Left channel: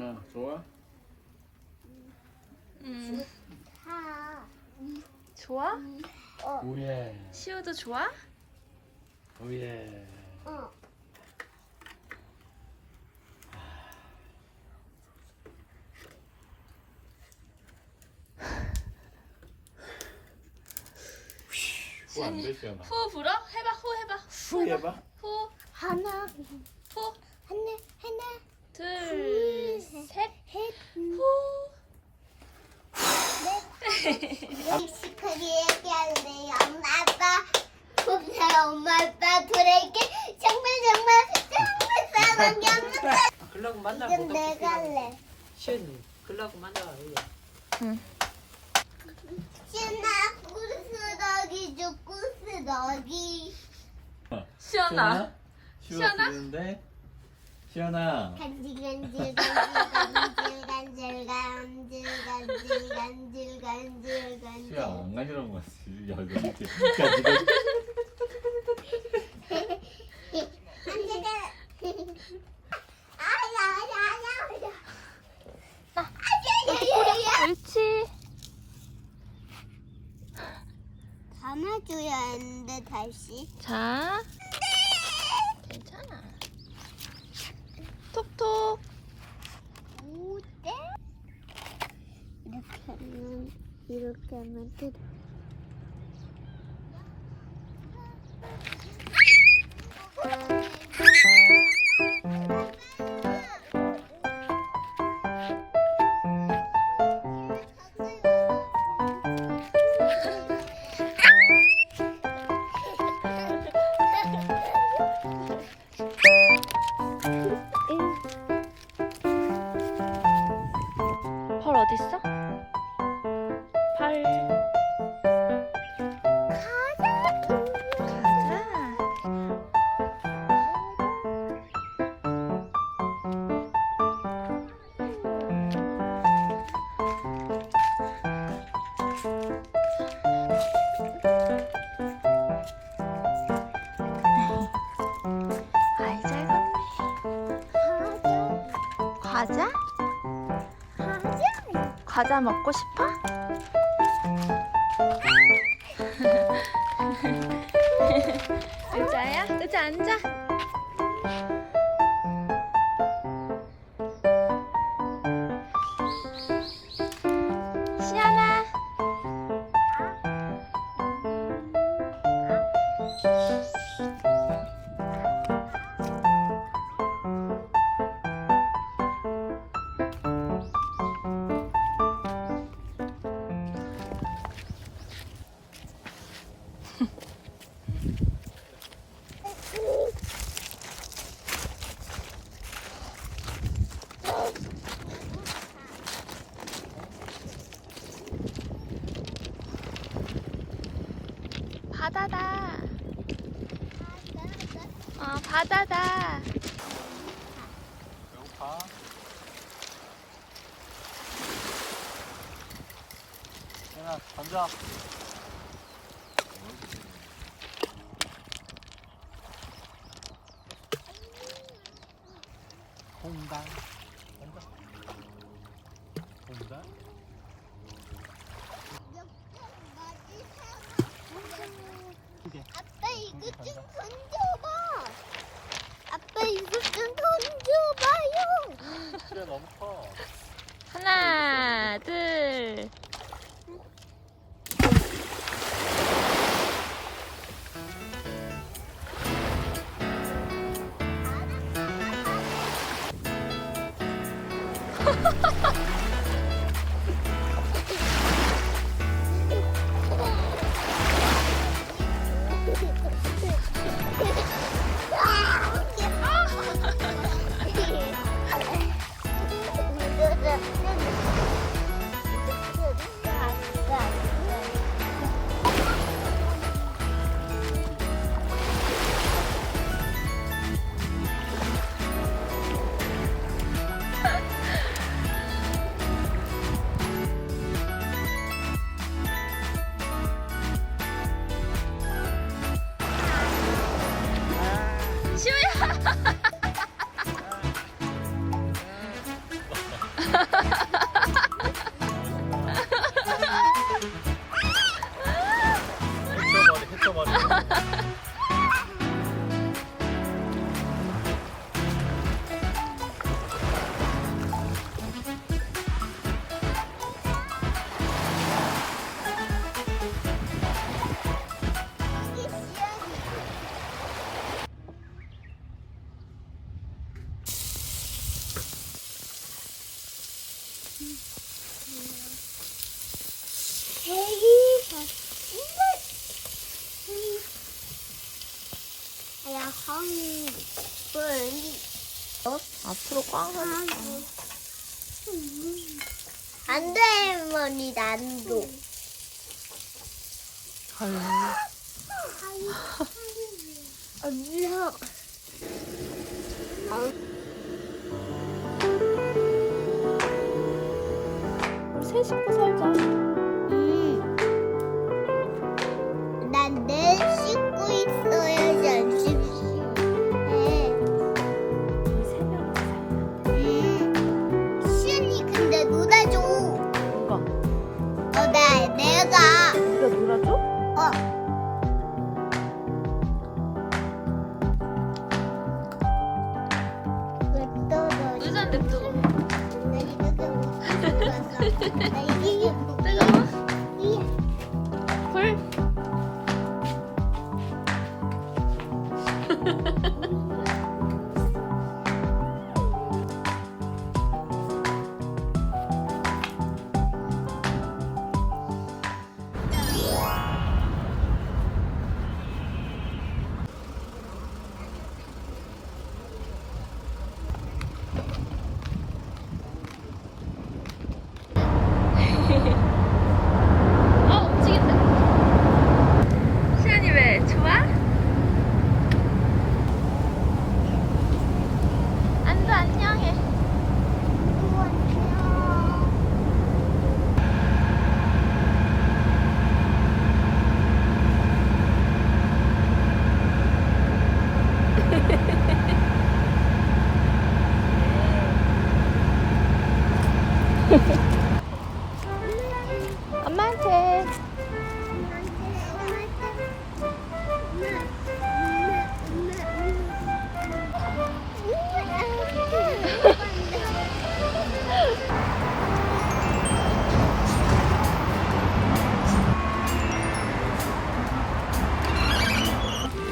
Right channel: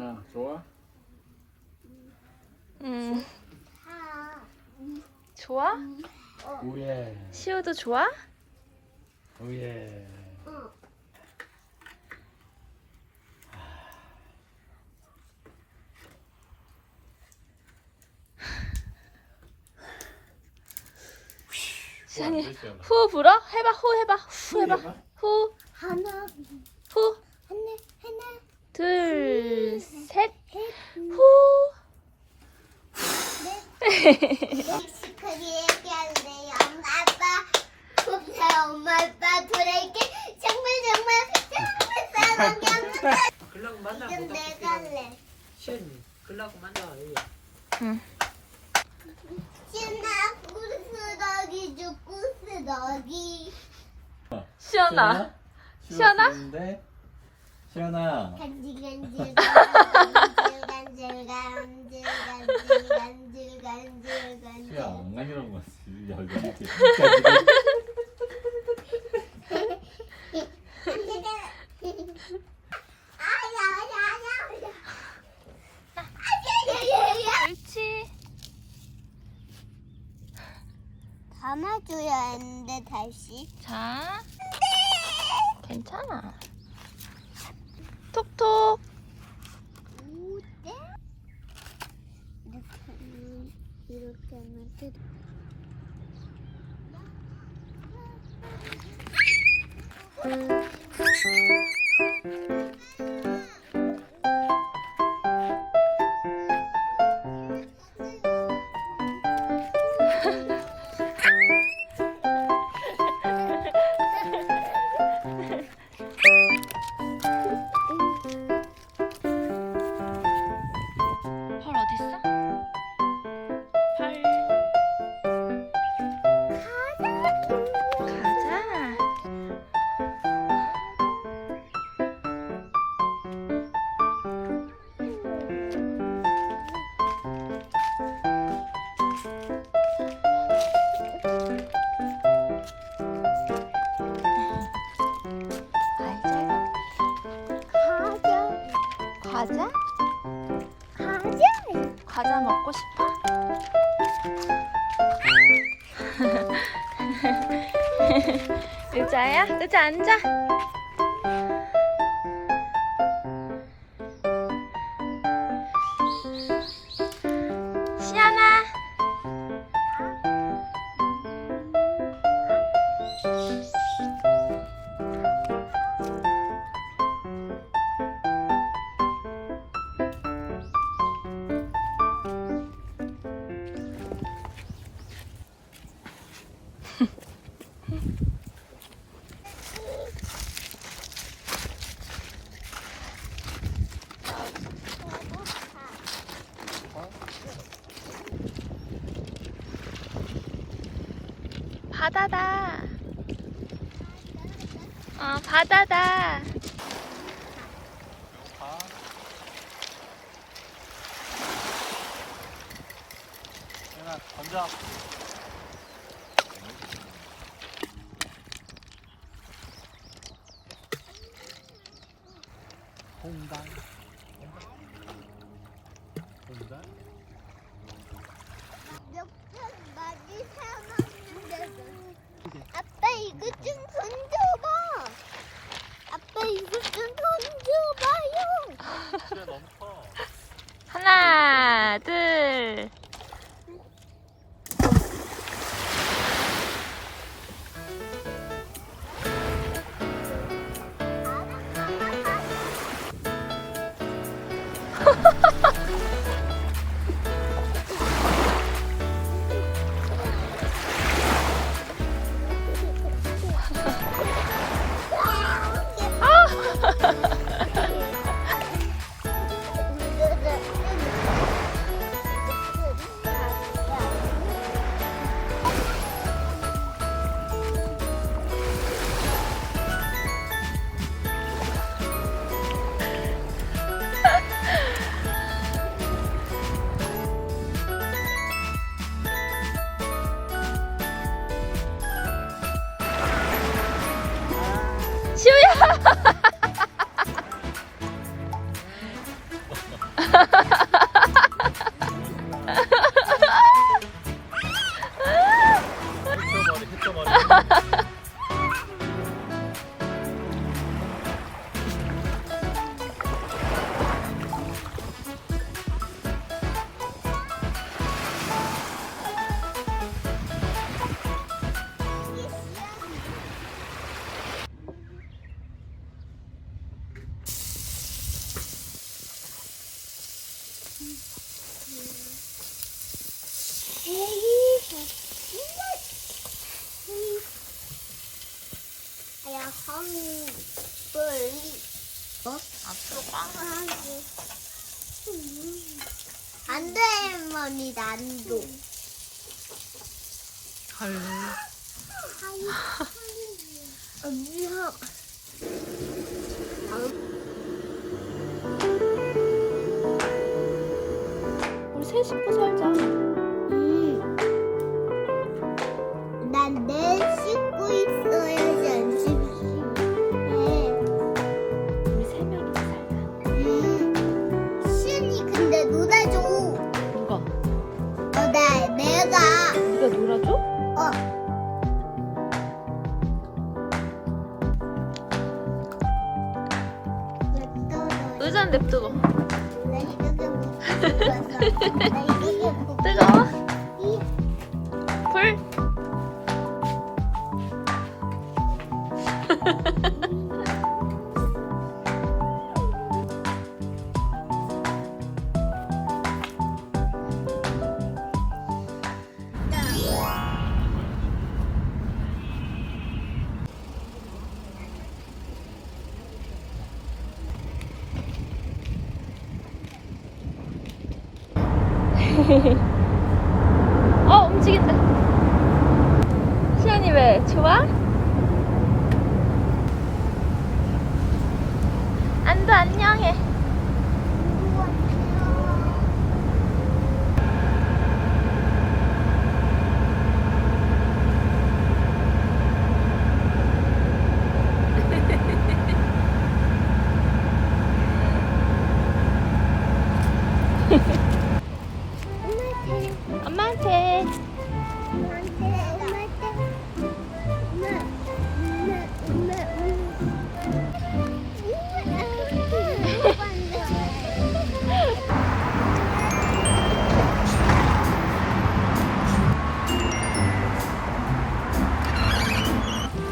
시연아 좋아? 좋아? 오예 시우도 좋아? 오예. 시연이 후 불어? 해봐 후 해봐 후 해봐 해봐. 후 하나, 후 하나, 둘 셋 후 멕시코리 얘기할래요. 엄마, 아빠. 없어요. 엄마, 아빠. 둘에게 정말 사랑이 없는데. 글라고 만나 이건 내가 할래. 시연이 글라고 만나 신나 구스러기 줘, 구스러기. 시연아 시연아? 시연아? 시연아 간질, 간질, 간질, 간질, 간질, 간질, 간질, 간질. 시연 안 가지런 거 같지. 야 이거 이렇게 옳지 담아줘야 하는데 다시. 자 괜찮아 톡톡 어때? 이렇게 하면 돼. 펄 어딨어? 펄 가자 아이 잘 걷네 과자? 과자 먹고 싶어? 의자야? 의자 앉아. 시연아. 바다다. 바다다. 배고파? 시연아 던져. 홍당 홍당 아빠 이거 좀 던져봐. 아빠 이거 좀 던져봐요. 시연 멈춰. 하나, 둘. 시우야. 야, 헐. 앞으로 꽝. 안 돼, 할머니, 난도. 헐. 무서워. 우리 세 식구 살자. 난 내 씻고 있어야지 안 씻지. 우리 세 명이서 살자. 시은이 근데 놀아줘. 누가? 내가. 누가 놀아줘? 어. 의자는 냅두고. 뜨거워. 뜨거워? 불? 움직인다. 시연이 왜? 좋아? 안도 안녕해. 엄마한테.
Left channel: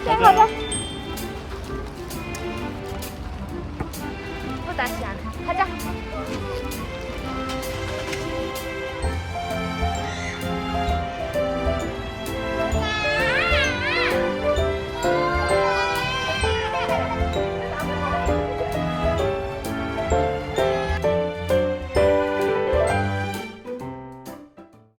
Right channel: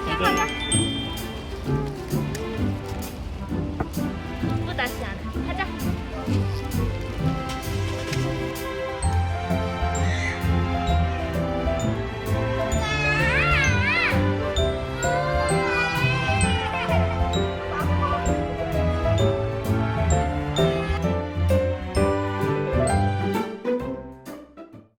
야, 가자. 또 다시 하나. 가자.